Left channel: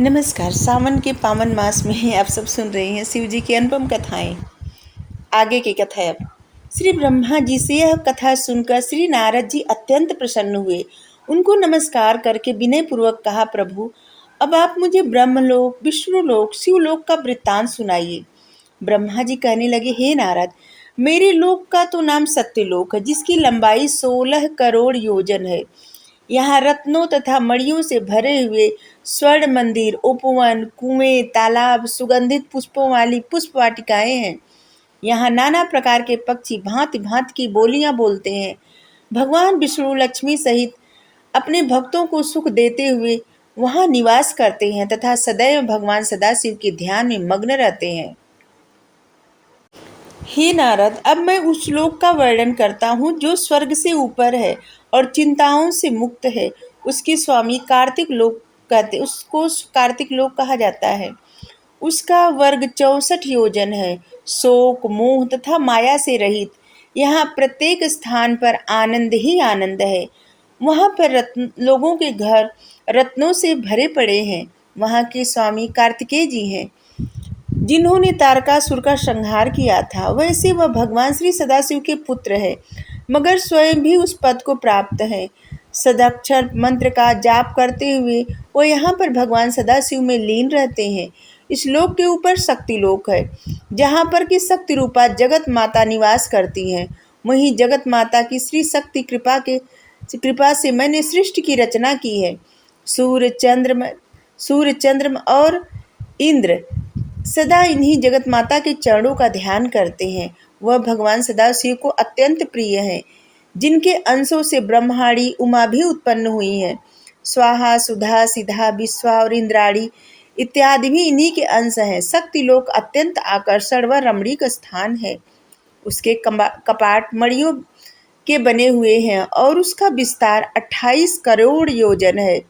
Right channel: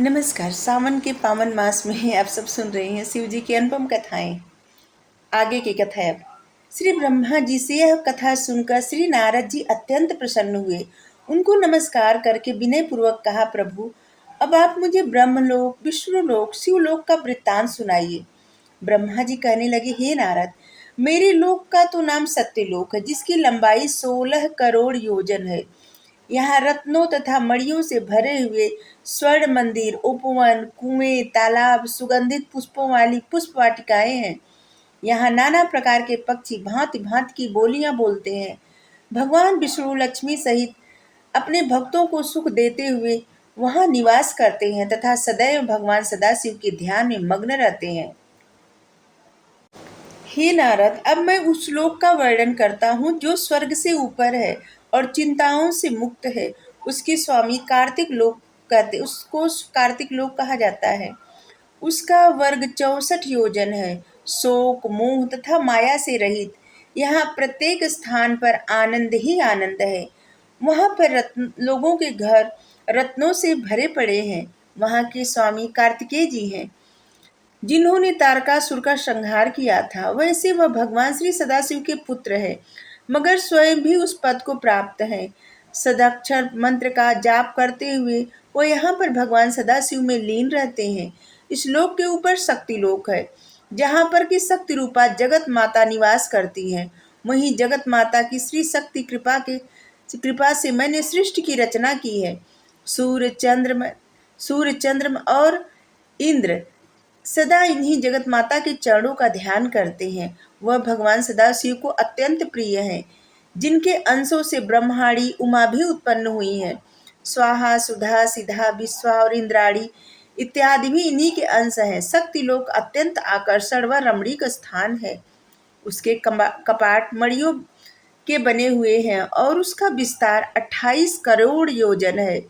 नमस्कार। सावन के पावन मास में आप सब सुन रहे हैं शिव जी की अनुपम कथाएं। आगे की कथा है अब। श्री ब्रह्मा जी से यह कथा सुनकर श्री नारद जी अत्यंत प्रसन्न हुए। उनको नमस्कार करके विनय पूर्वक कहा, प्रभु अब आप मुझे ब्रह्मलोक, विष्णुलोक, शिवलोक का वृत्तांत सुनाइए। ब्रह्मा जी कहने लगे, हे नारद, मेरे लोक का तो नाम सत्यलोक है, जिसकी लंबाई 16 करोड़ योजन है। यहाँ रत्नों तथा मणियों से भरे हुए स्वर्ण मंदिर, उपवन, कुएं, तालाब, सुगंधित पुष्पों वाली पुष्प वाटिकाएं हैं। यहाँ नाना प्रकार के पक्षी भांति भांति की बोलियां बोलते हैं। भगवान विष्णु लक्ष्मी सहित अपने भक्तों को सुख देते हुए वहाँ निवास करते हैं तथा सदैव भगवान सदाशिव के ध्यान में मग्न रहते हैं। हे नारद, अब मैं उस लोक का वर्णन करता हूँ जो स्वर्ग से ऊपर है और चिंताओं से मुक्त है। उसके स्वामी कार्तिक लोक कहते, उसको कार्तिक लोक कहा जाता है। उसका वर्ग 64 योजन है। शोक, मोह तथा माया से रहित यहाँ प्रत्येक स्थान पर आनंद ही आनंद है। वहाँ पर लोगों के घर रत्नों से भरे पड़े हैं। वहाँ के स्वामी कार्तिकेय जी हैं, जिन्होंने तारकासुर का संहार किया था। वैसे वह भगवान श्री सदाशिव के पुत्र है, मगर स्वयं भी उस पद को प्राप्त है। सदाक्षर मंत्र का जाप करते हुए वो यहाँ पर भगवान सदाशिव में लीन रहते हैं। इस लोक के ऊपर शक्ति लोक है, जहाँ पर की शक्ति रूपा जगत माता निवास करती हैं। वहीं जगत माता की श्री शक्ति कृपा से मैंने सृष्टि की रचना की है। सूर्य चंद्रमा और इंद्र सदा इन्हीं जगत माता के चरणों का ध्यान करते हैं। वह भगवान सदाशिव को अत्यंत प्रिय है, जिनके अंशों से ब्रह्माणी उमा भी उत्पन्न हुई हैं। स्वाहा, सुधा, सिधा, विश्वा और इंद्राणी इत्यादि भी इन्हीं के अंश हैं। शक्ति लोक अत्यंत आकर्षण व रमणीक स्थान है। उसके कपाट मणियों के बने हुए हैं और उसका विस्तार 28 करोड़ योजन है।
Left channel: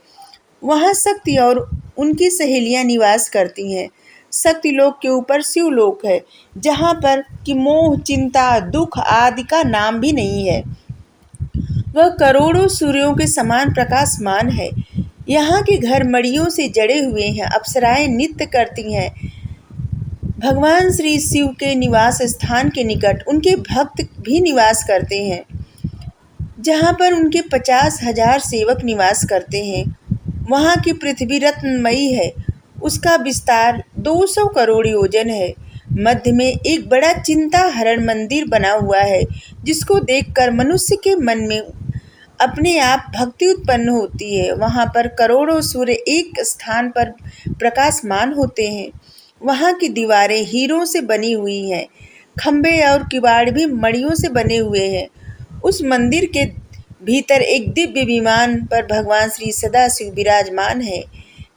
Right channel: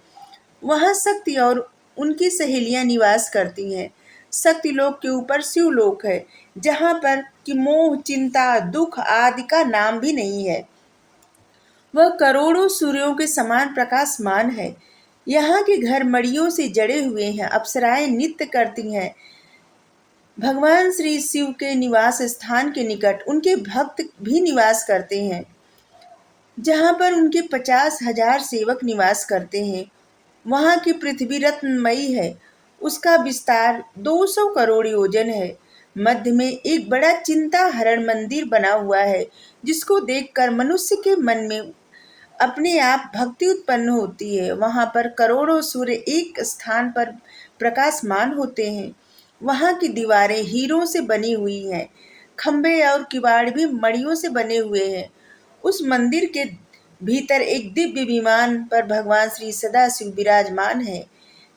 वहाँ शक्ति और उनकी सहेलियां निवास करती हैं। शक्ति लोक के ऊपर शिवलोक है, जहाँ पर कि मोह, चिंता, दुख आदि का नाम भी नहीं है। वह करोड़ों सूर्यों के समान प्रकाशमान है। यहाँ के घर मड़ियों से जड़े हुए हैं। अप्सराएं नृत्य करती हैं। भगवान श्री शिव के निवास स्थान के निकट उनके भक्त भी निवास करते हैं, जहाँ पर उनके 50,000 सेवक निवास करते हैं। वहाँ की पृथ्वी रत्नमयी है। उसका विस्तार 200 करोड़ योजन है। मध्य में एक बड़ा चिंता हरण मंदिर बना हुआ है, जिसको देखकर मनुष्य के मन में अपने आप भक्ति उत्पन्न होती है। वहाँ पर करोड़ों सूर्य एक स्थान पर प्रकाशमान होते हैं। वहाँ की दीवारें हीरों से बनी हुई हैं। खंभे और किवाड़ भी मणियों से बने हुए हैं। उस मंदिर के भीतर एक दिव्य विमान पर भगवान श्री सदाशिव विराजमान है,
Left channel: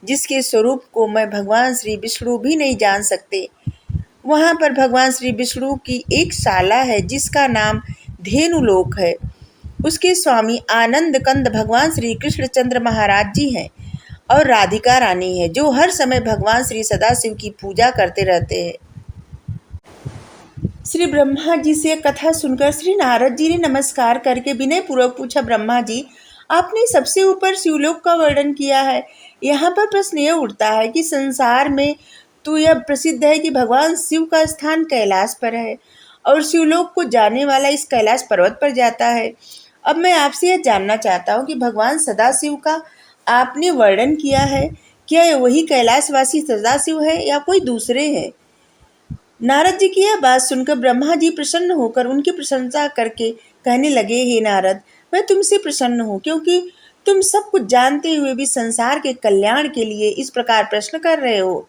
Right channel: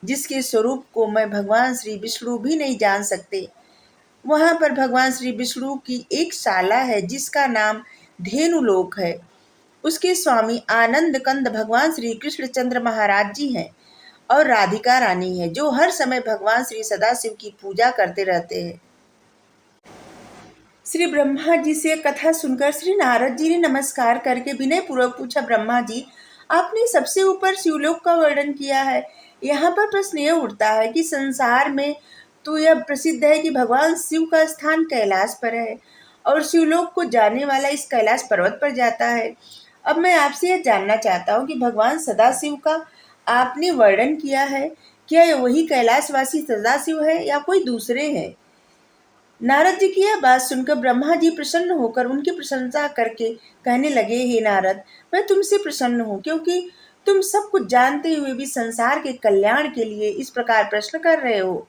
जिसके स्वरूप को मैं भगवान श्री विष्णु भी नहीं जान सकते। वहाँ पर भगवान श्री विष्णु की एक शाला है, जिसका नाम धेनुलोक है। उसके स्वामी आनंद कंद भगवान श्री कृष्णचंद्र महाराज जी हैं और राधिका रानी है, जो हर समय भगवान श्री सदाशिव की पूजा करते रहते हैं। श्री ब्रह्मा जी से कथा सुनकर श्री नारद जी ने नमस्कार करके विनय पूर्वक पूछा, ब्रह्मा जी, आपने सबसे ऊपर शिवलोक का वर्णन किया है। यहाँ पर प्रश्न यह उठता है कि संसार में तो यह प्रसिद्ध है कि भगवान शिव का स्थान कैलाश पर है और शिवलोक को जाने वाला इस कैलाश पर्वत पर जाता है। अब मैं आपसे यह जानना चाहता हूँ कि भगवान सदाशिव का आपने वर्णन किया है, क्या यह वही कैलाशवासी सदाशिव है या कोई दूसरे हैं? नारद जी की यह बात सुनकर ब्रह्मा जी प्रसन्न होकर उनकी प्रशंसा करके कहने लगे, हे नारद, मैं तुमसे प्रसन्न हूँ, क्योंकि तुम सब कुछ जानते हुए भी संसार के कल्याण के लिए इस प्रकार प्रश्न कर रहे हो।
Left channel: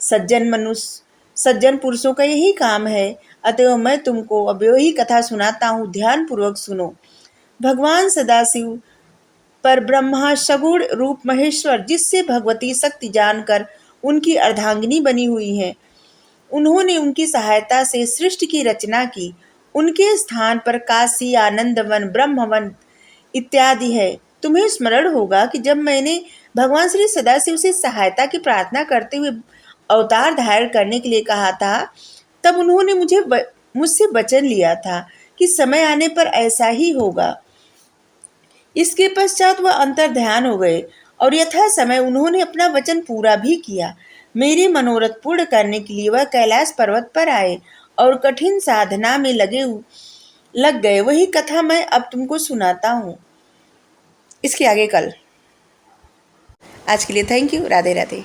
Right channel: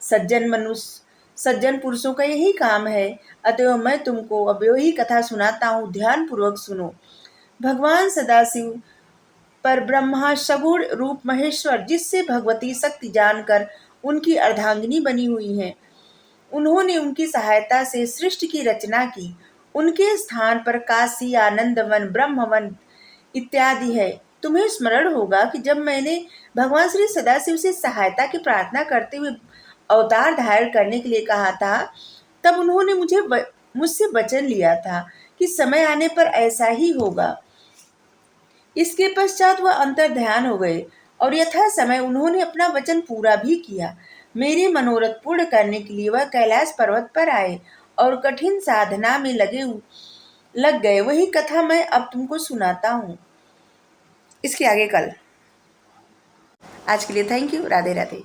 सज्जन पुरुषों का यही काम है। अतएव मैं तुमको अब वही कथा सुनाता हूँ, ध्यान पूर्वक सुनो। भगवान सदाशिव पर ब्रह्मा सगुण रूप महेश्वर, जिससे भगवती शक्ति जानकर उनकी अर्धांगिनी बनी हुई है, उन्होंने उनकी सहायता से सृष्टि की रचना की। उनके स्थान पर काशी, आनंदवन, ब्रह्मवन इत्यादि है। तुम्हें स्मरण होगा कि जब मैंने भगवान श्री सदाशिव से सहायता की प्रार्थना करते हुए अवतार धारण करने के लिए कहा था, तब उन्होंने मुझसे वचन लिया था कि समय आने पर ऐसा ही होगा। इसके पश्चात वह अंतर ध्यान हो गए और यथा समय उन्होंने अपना वचन पूरा भी किया। मेरे मनोरथ पूर्ण करने के लिए वह कैलाश पर्वत पर आए और कठिन साधना में लग गए। वही कथा मैं अब तुमको सुनाता हूँ, इसके आगे कल। आज के लिए थैंक यू। राधे राधे।